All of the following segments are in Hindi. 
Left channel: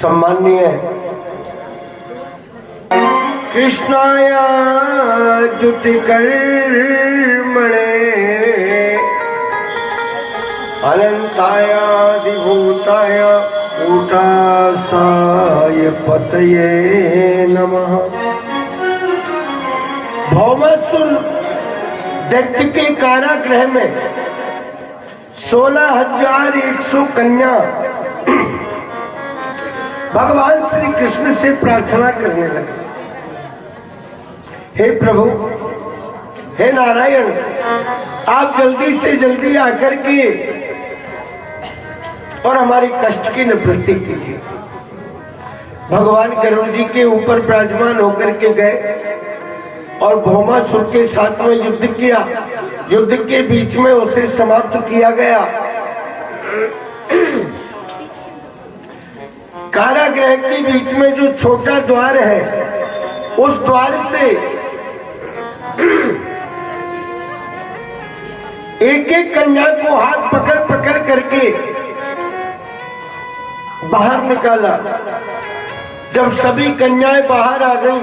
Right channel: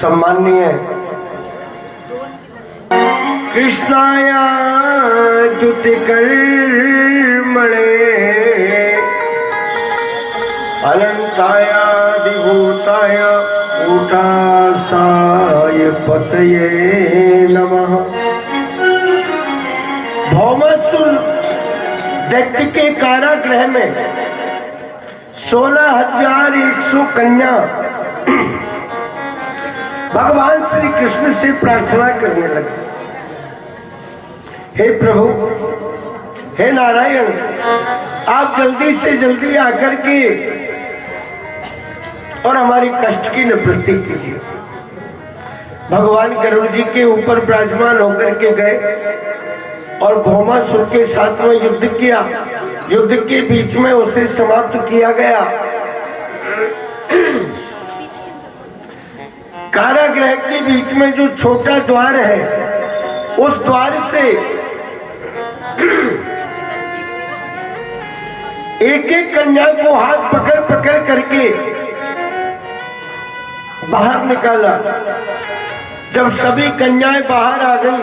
सम्माननीय कृष्णाय द्युतिकर्मणे अनंताय अधिभूताय कूटास्थाय पतये नमः। भौमासुर दैत्य के कारागृह में 16,100 कन्या भगवान श्री कृष्ण से प्रार्थना करने लगे, हे प्रभु, हे नारायण, आप जल्दी से जल्दी आकर के और हमारी कष्ट की निवृत्ति कीजिए। भगवान गरुड़ जी के ऊपर विराजमान होकर के गए और भौमासुर के साथ में युद्ध किया। युद्ध के बीच में उसे समाप्त किया गया। कारागृह के बीच में जो छोटा द्वार है, उस द्वार से एक एक कन्या को हाथ पकड़ पकड़ करके बाहर निकाला। जब सभी कन्याएं बाहर आ गई,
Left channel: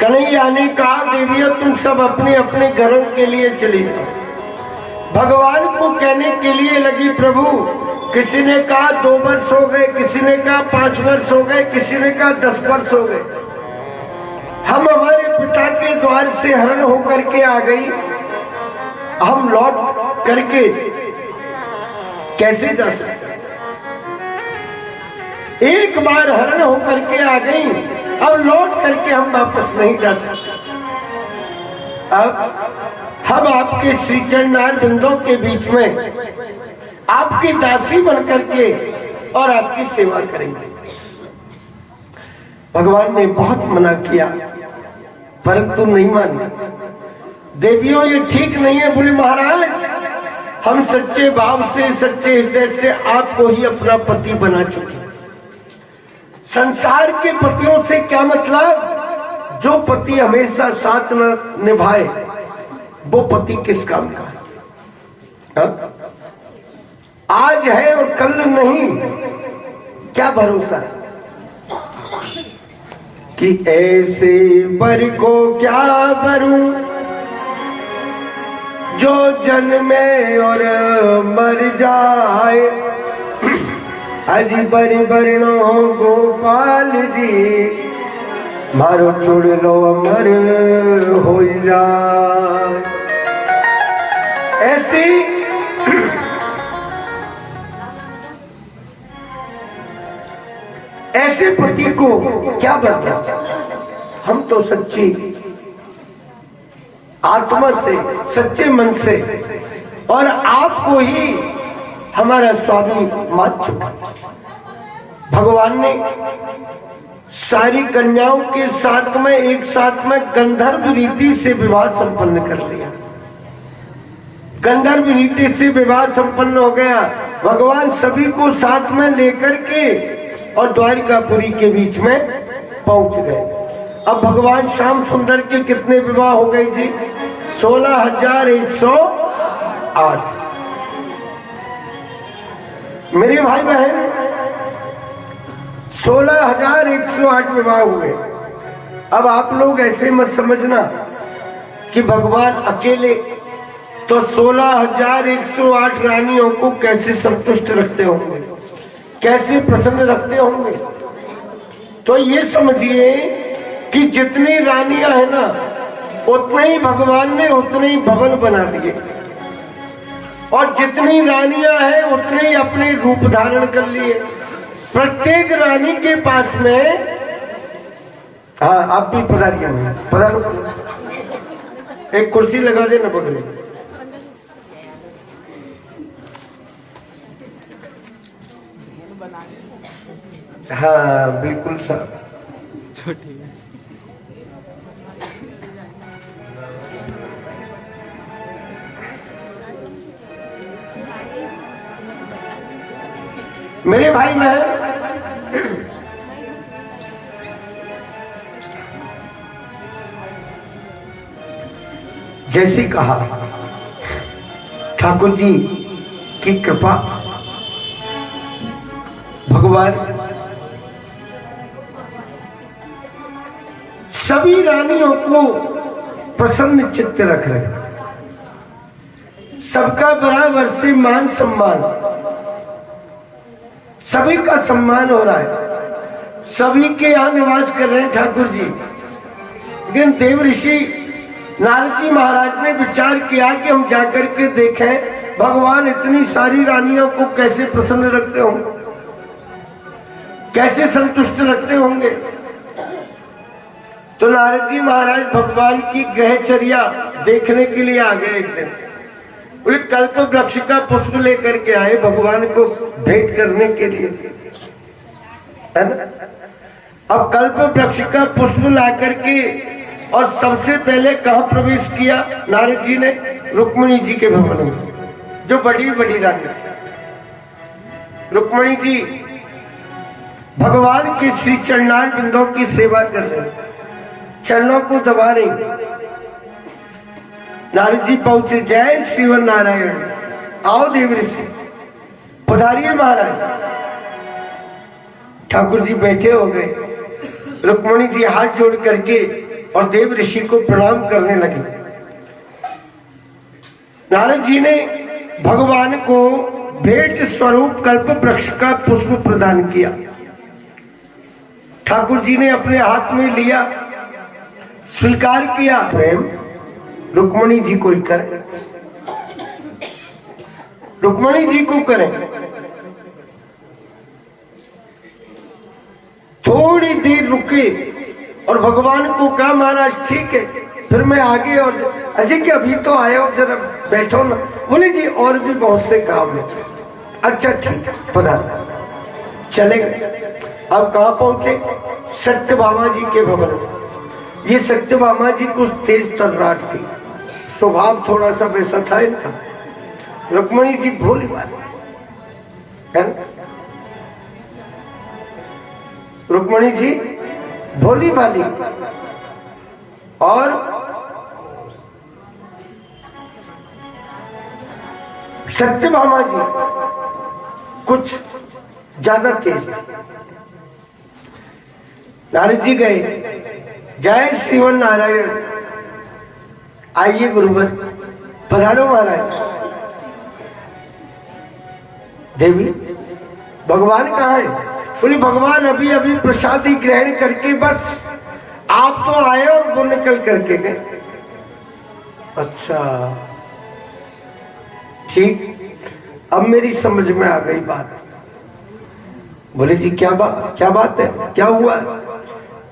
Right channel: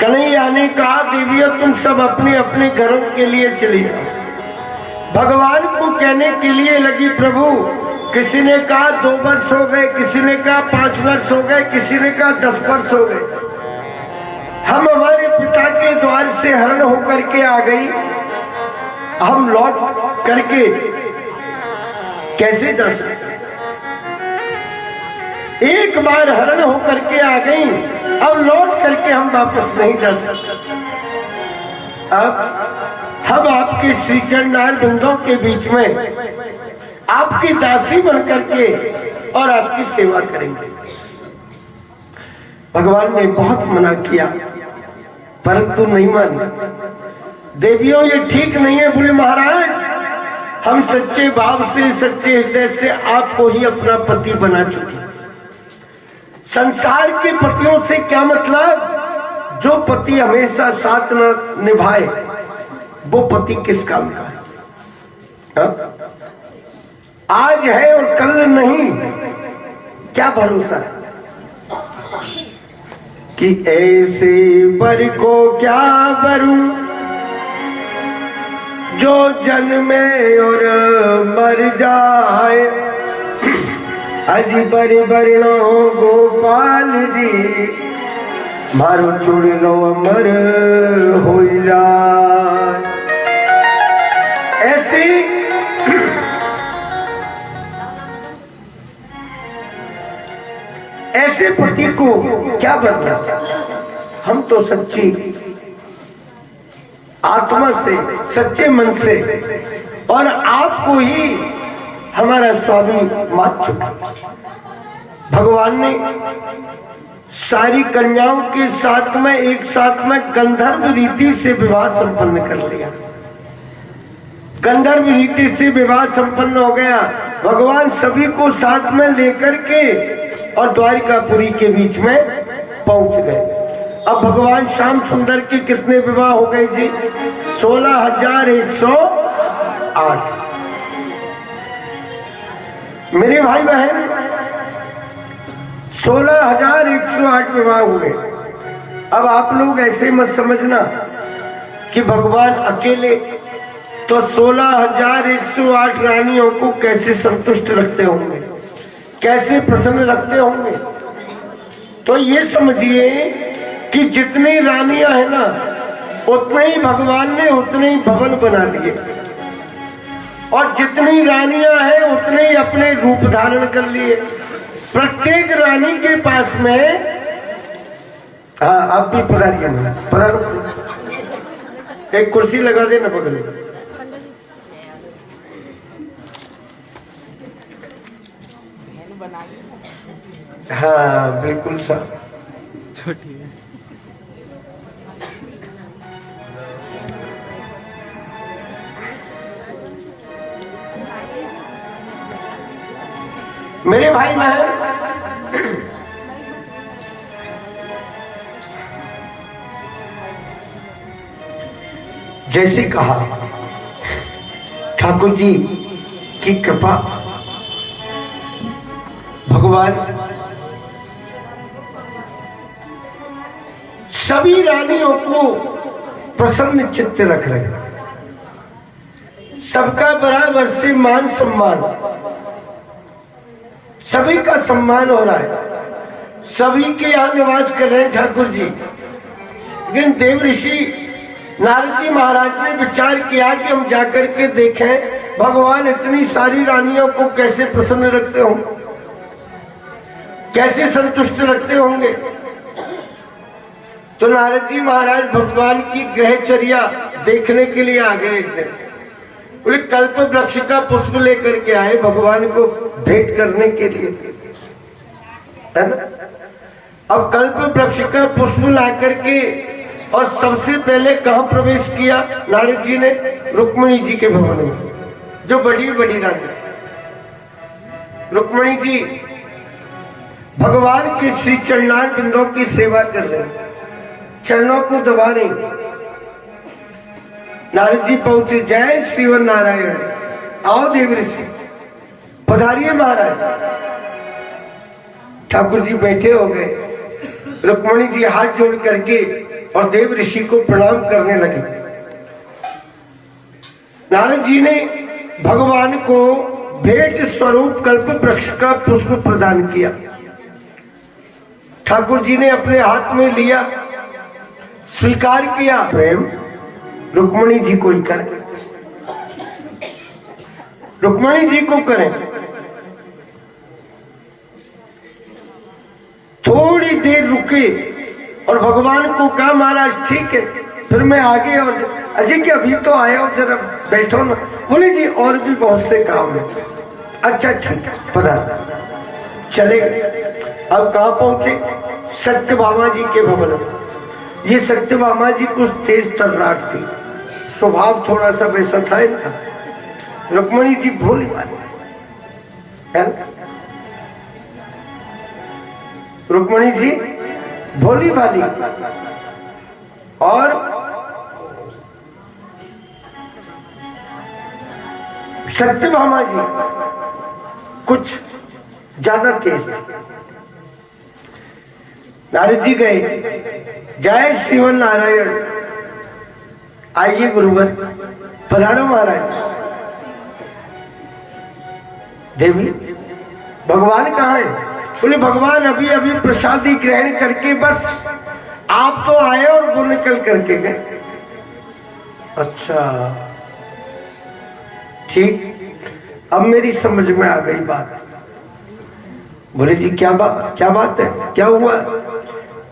कन्हैया ने कहा, देवियों तुम सब अपने अपने घरों के लिए चली जाओ। भगवान को कहने के लिए लगी, प्रभु, किसी ने कहा 2 वर्ष हो गए, किसी ने कहा 5 वर्ष हो गए, किसी ने कहा 10 वर्ष हो गए। हम हमारे पिता के द्वार से हरण होकर के आ गई, हम लौट करके कैसे जा सकते? एक बार हरण होकर के आ गई, अब लौट करके हम वापस नहीं जा सकते। अब हम आपके श्री चरण बिंदों के बीच में आपकी दासी बन करके और आपकी सेवा करेंगे। भगवान ने बहुत मना किया, परंतु नहीं मानी। देवियों ये ठीक नहीं है। बोले महाराज, हम सच्चे भाव से, सच्चे हृदय से आपको ही अपना पति बना चुके। संसार के पतियों से क्या मतलब? जो पति हमेशा साथ न निभाए वो पति किस काम का है? आज है और कल नहीं, क्या भरोसा है कि ऐसे बर को क्या बरू जो जन्मे और मर जाए। अजी बरी बरनो गोपाल जी, मारो चुड़ लो मर हो जाए। ऐसी ऐसे पति को क्या बदला? हम तो सच्ची आत्मा से, सच्चे मन से और आपको ही हमारा स्वामी मान चुका। भगवान ने सारी कन्याओं के साथ में एक साथ में गंधर्व रीति से विवाह संपन्न कर लिया। गंधर्व रीति से विवाह संपन्न हो गया। भगवान सभी को साथ में लेकर के और द्वारिकापुरी के बीच में पहुंच गए। अब भगवान श्याम सुंदर के कितने विवाह हो गए जी? 16,108। मेरे भाई बहन, 16,108 विवाह हो गए। अब आप लोग ऐसे मत समझना कि भगवान अकेले तो 16,108 रानियों को कैसे संतुष्ट रखते होंगे, कैसे प्रसन्न रखते होंगे। तो ये समझिए कि जितनी रानियां है ना, उतने ही भगवान ने उतने ही भवन बना दिए, और जितनी रानियां हैं उतने ही अपने रूप धारण कर लिए। प्रत्येक रानी के पास में, हाँ आप भी पधारिए, पधारो, एक कुर्सी लगा देना बगल में। हाँ बिल्कुल सर, छोटी है। मेरे भाई बहन, जैसे कहा ठाकुर जी की कृपा, भगवान सभी रानियों को प्रसन्न चित्त रख रहे हैं, सबका बराबर से मान सम्मान, सभी का सम्मान हो रहा है, सभी के यहां निवास कर रहे हैं ठाकुर जी। लेकिन देव ऋषि नारद जी महाराज ने विचार किया कि हम जाकर के देखें भगवान इतनी सारी रानियों को कैसे प्रसन्न रखते होंगे, कैसे संतुष्ट रखते होंगे। तो नारद जी महाराज भगवान की ग्रहचर्या देखने के लिए आ गए। एक दिन बोले कल्प वृक्ष का पुष्प लेकर के आए भगवान को भेंट करने के लिए, है ना। अब कल्प वृक्ष का पुष्प ला करके और सबसे पहले कहां प्रवेश किया नारद जी ने? रुक्मिणी जी के भवन में, जो बड़ी बड़ी रानी रुक्मिणी जी भगवान की श्री चरणार बिंदों की सेवा कर रहे, चरणों को दबा रहे। नारद जी पहुंचे, जय श्रीवन नारायण, आओ देव ऋषि पधारिए महाराज। ठाकुर जी बैठे हो गए, रुक्मिणी जी हाथ जोड़ करके और देव ऋषि को प्रणाम करने लगे। नारद जी ने भगवान को भेंट स्वरूप कल्प वृक्ष का पुष्प प्रदान किया। ठाकुर जी ने अपने हाथ में लिया, स्वीकार किया। प्रेम रुक्मिणी जी को ही करें, रुक्मिणी जी को करें। थोड़ी देर रुके और भगवान को कहा महाराज ठीक है, फिर मैं आगे और अजय कि अभी तो आए हो, जरा बैठो ना। बोले जी और भी बहुत से काम है। अच्छा ठीक है, पधार। चले गए। अब कहां पहुंचे? सत्यभामा जी के भवन में। ये सत्यभामा जी कुछ तेज तर्राट थी, स्वभाव थोड़ा सा वैसा था इनका। रुक्मिणी जी भोली वाली, रुक्मिणी जी भोली भाली और सत्यभामा जी कुछ ज्यादा तेज थे। नारद जी गए, जय श्रीवन नारायण, आइए गुरुवर, पधारो महाराज। देवी भगवान कहाँ है? बोले भगवान अभी अभी प्रसादी ग्रहण करके बस आप तो आए और वो निकल करके गए। अच्छा ठीक, अब मेरी समझ में आ गई बात। बोले जी क्या बात है, क्या हुआ?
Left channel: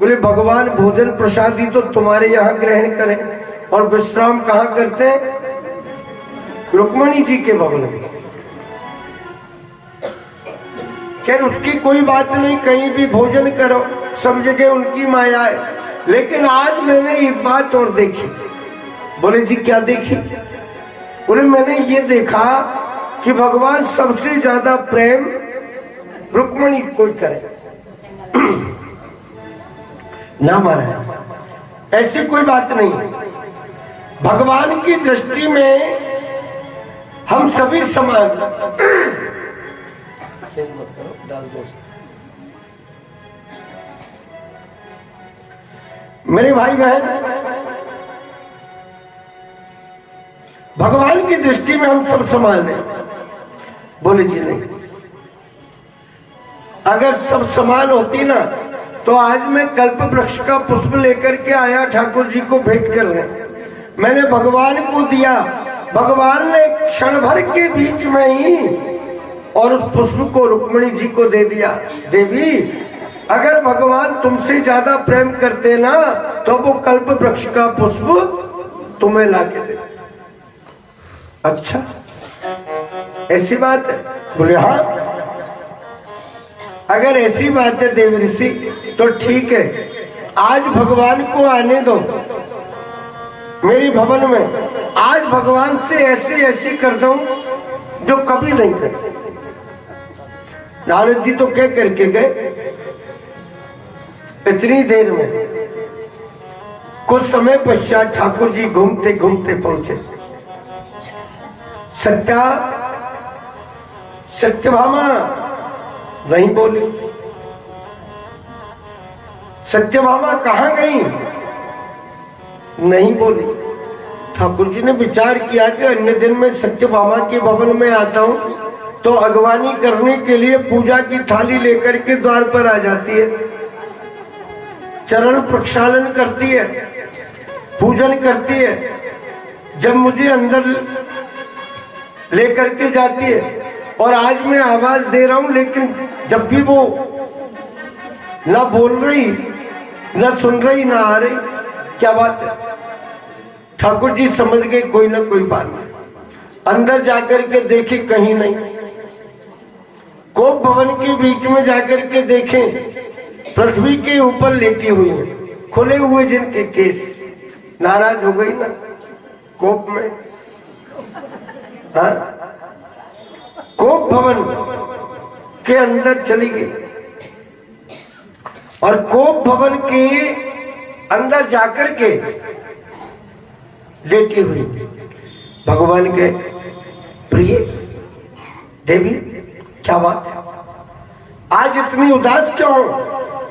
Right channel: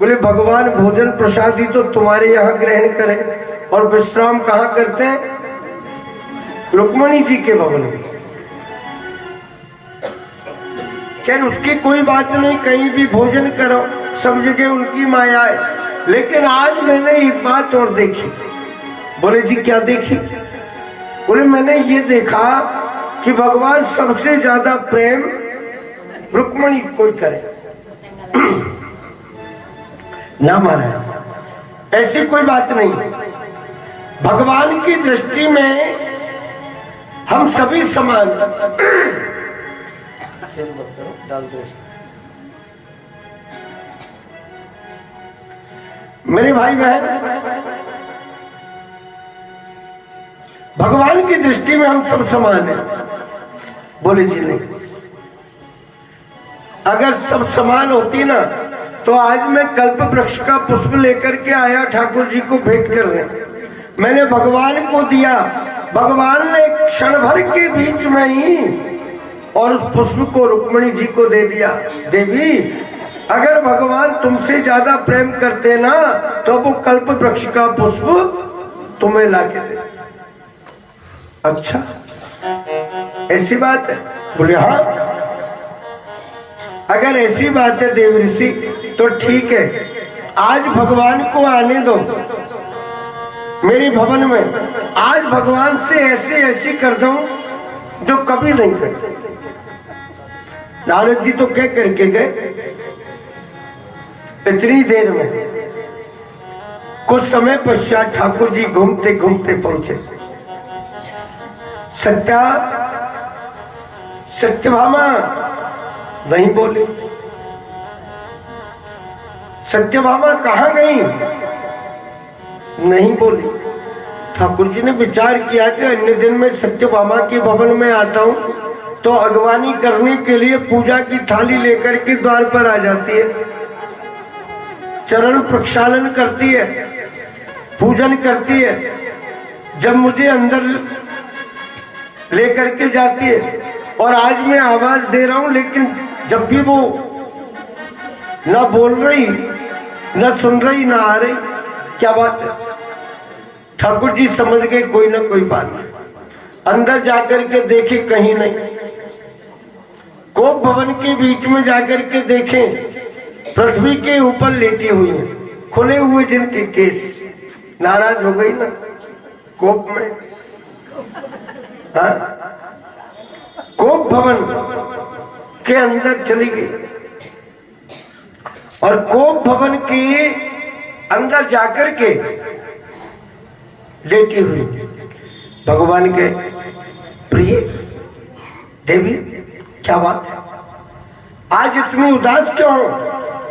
बोले भगवान भोजन प्रसादी तो तुम्हारे यहाँ ग्रहण करें और विश्राम कहाँ करते हैं? रुक्मिणी जी के भवन में। खैर उसकी कोई बात नहीं, कहीं भी भोजन करो, सब जगह उनकी माया है। लेकिन आज मैंने एक बात और देखी। बोले जी क्या देखी? बोले मैंने ये देखा कि भगवान सबसे ज्यादा प्रेम रुक्मिणी को करे। ना महाराज ऐसी कोई बात नहीं। भगवान की दृष्टि में हम सभी समान। खेल मत करो, डाल दो। मेरे भाई बहन, भगवान की दृष्टि में हम सब समान हैं। बोले जी नहीं, अगर सब समान होती ना तो आज मैं कल्प वृक्ष का पुष्प लेकर के आया ठाकुर जी को भेंट करने। मैंने भगवान को दिया, भगवान ने क्षण भर के बीच में ही और उस पुष्प को रुक्मिणी जी को दे दिया। देवी अगर भगवान तुमसे ज्यादा प्रेम करते ना तो वो कल्प वृक्ष का पुष्प तुम्हें लाके दे। अच्छा ऐसी बात है? बोले हाँ, अगर ऐसी बात है देव ऋषि तो ठीक है, आज भगवान को आने दो मेरे भवन में। आज भगवान से ऐसी कर दूं जो कभी नहीं करे। नारद जी तो क्या करके गए इतनी देर में। कुछ समय पश्चात ठाकुर जी घूमते घूमते पहुंचे। सत्यभामा नहीं बोली। सत्यभामा कहाँ गई? नहीं बोली। ठाकुर जी ने विचार किया कि अन्य दिन में सत्यभामा के भवन में आता हूं तो अगवानी करने के लिए पूजा की थाली लेकर के द्वार पर आ जाती है, चरण प्रक्षालन करती है, पूजन करती है। जब मुझे अंदर लेकर के जाती है और आज मैं आवाज दे रहा हूं, लेकिन जब भी वो ना बोल रही, ना सुन रही, ना आ रही। क्या बात है? ठाकुर जी समझ गए कोई ना कोई बात। अंदर जाकर के देखे, कहीं नहीं। कोप भवन के बीच में जाकर के देखे, पृथ्वी के ऊपर लेटी हुई है, खुले हुए जिनके केस। नाराज हो गई ना कोप में। हाँ? कोप भवन के अंदर चली गई और कोप भवन के अंदर जाकर के लेटी हुई भगवान के प्रिय देवी, क्या बात है? आज इतनी उदास क्यों हो?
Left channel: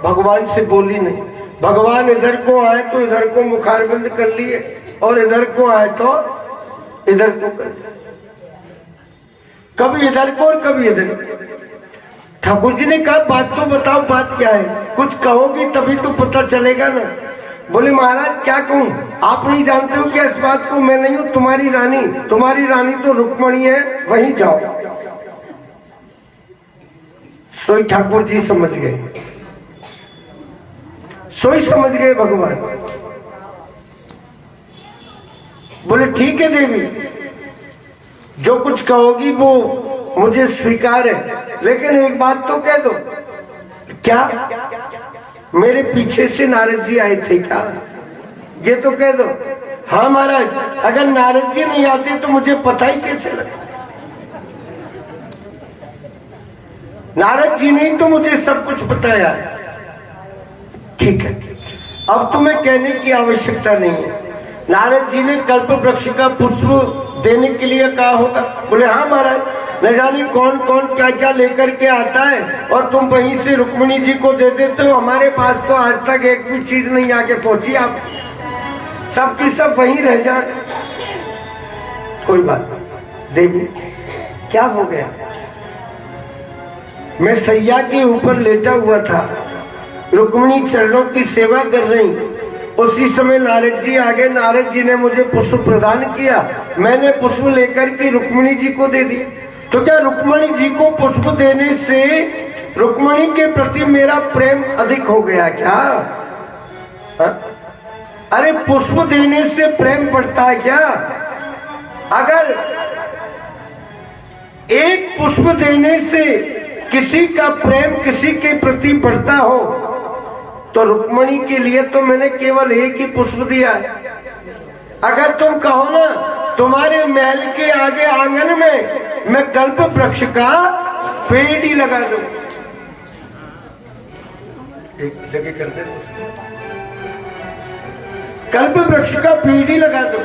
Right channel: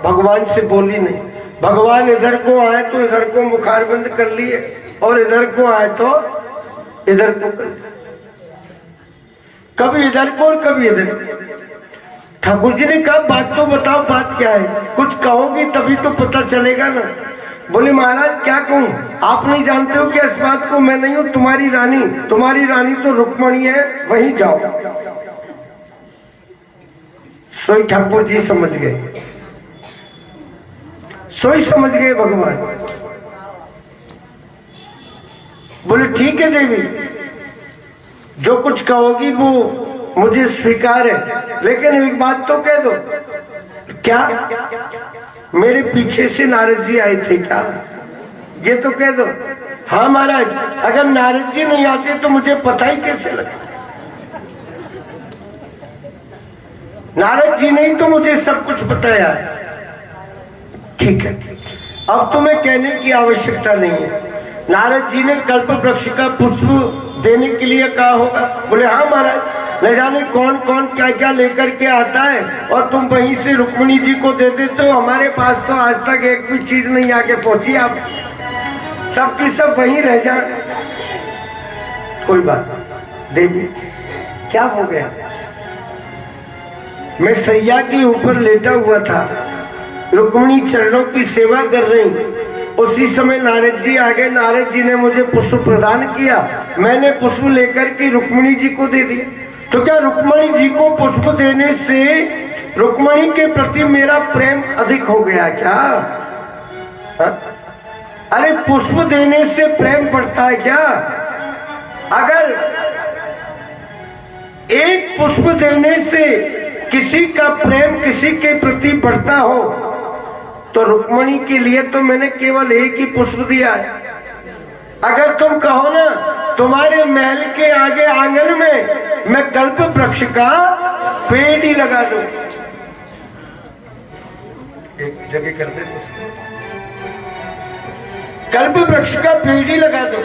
भगवान से बोली नहीं। भगवान इधर को आए तो इधर को मुखार बंद कर लिए और इधर को आए तो इधर को कर लिए। कभी इधर को और कभी इधर। ठाकुर जी ने कहा बात तो बताओ, बात क्या है? कुछ कहोगी तभी तो पता चलेगा ना। बोले महाराज क्या कहूं, आप नहीं जानते हो कि इस बात को मैं नहीं हूं, तुम्हारी रानी तो रुक्मणी है, वहीं जाओ। सोई ठाकुर जी समझ गए, सोई समझ गए भगवान। बोले ठीक है देवी, जो कुछ कहोगी वो मुझे स्वीकार है, लेकिन एक बात तो कह दो। क्या? मेरे पीछे से नारद जी आए थे क्या? ये तो कह दो। हाँ महाराज, अगर नारद जी नहीं आते तो मुझे पता ही कैसे लगे? नारद जी ने तो मुझे सब कुछ बताया। ठीक है, अब तुम्हें कहने की आवश्यकता नहीं है। नारद जी ने कल्प वृक्ष का पुष्प देने के लिए कहा होगा। बोले हाँ महाराज, न जाने कौन कौन क्या क्या लेकर के आता है और तुम वहीं से रुक्मिणी जी को दे देते हो। हमारे पास तो आज तक एक भी चीज नहीं आके पहुंची, आप सबकी सब वहीं रह जाए। कोई बात देवी, क्या हो गया? मैं सैया के ऊपर लेटा हुआ था, रुक्मिणी चरणों की सेवा कर रही। उसी समय नारद जी आ गए। नारद जी ने मुझे पुष्प प्रदान किया, मैंने पुष्प लेकर के रुक्मिणी जी को दे दी। तो क्या रुक्मिणी जी को पुष्प देने से रुक्मिणी के प्रति मेरा प्रेम अधिक हो गया क्या? हा? अरे पुष्प देने से प्रेम बढ़ता है क्या? अगर एक पुष्प देने से किसी का प्रेम किसी के प्रति बढ़ता हो तो रुक्मिणी के लिए तो मैंने केवल एक ही पुष्प दिया है। अगर तुम कहो ना तुम्हारे महल के आगे आंगन में मैं कल्प वृक्ष का पेड़ ही लगा दूं, एक जगह करते कल्प वृक्ष का पेड़ ही लगा दो।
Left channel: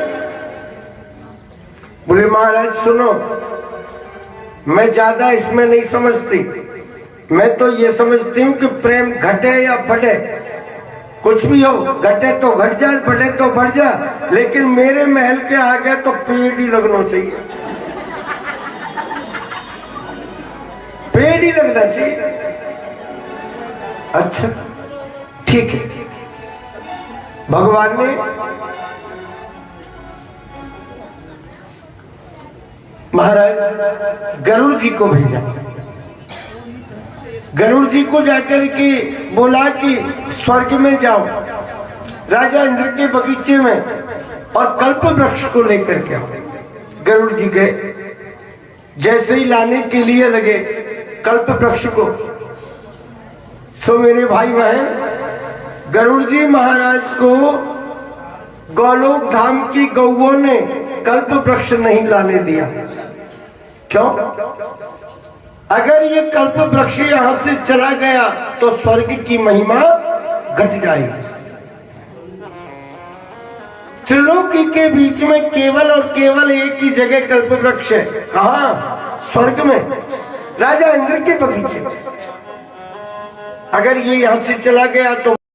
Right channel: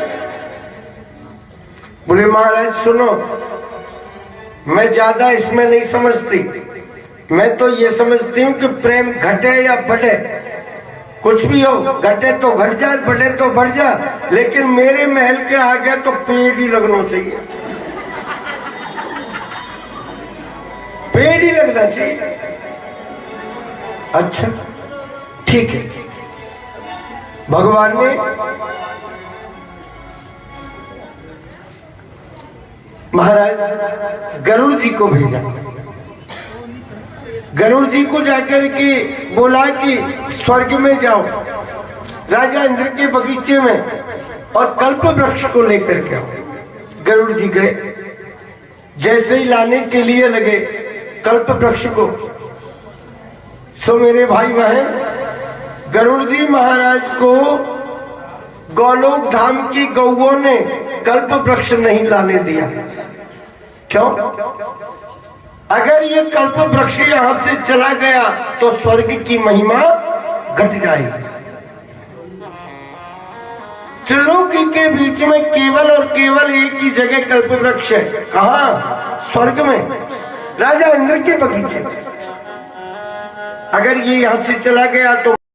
बोले महाराज सुनो, मैं ज्यादा इसमें नहीं समझती। मैं तो ये समझती हूँ कि प्रेम घटे या बढ़े, कुछ भी हो, घटे तो घट जाए, बढ़े तो बढ़ जाए, लेकिन मेरे महल के आगे तो पेड़ ही लगना चाहिए, पेड़ ही लगना चाहिए। अच्छा ठीक है। भगवान ने महाराज गरुड़ जी को भेजा। गरुड़ जी को जाकर के बोला कि स्वर्ग में जाओ, राजा इंद्र के बगीचे में, और कल्प वृक्ष को लेकर के। गरुड़ जी गए, जैसे ही लाने के लिए लगे कल्प वृक्ष को, सो मेरे भाई बहन, गरुड़ जी महाराज को गौलोक धाम की गौओं ने कल्प वृक्ष नहीं लाने दिया। क्यों? अगर ये कल्प वृक्ष यहां से चला गया तो स्वर्ग की महिमा घट जाएगी। त्रिलोकी के बीच में केवल और केवल एक ही जगह कल्प वृक्ष है। कहाँ? स्वर्ग में, राजा इंद्र के बगीचे में। अगर ये यहाँ से चला गया तो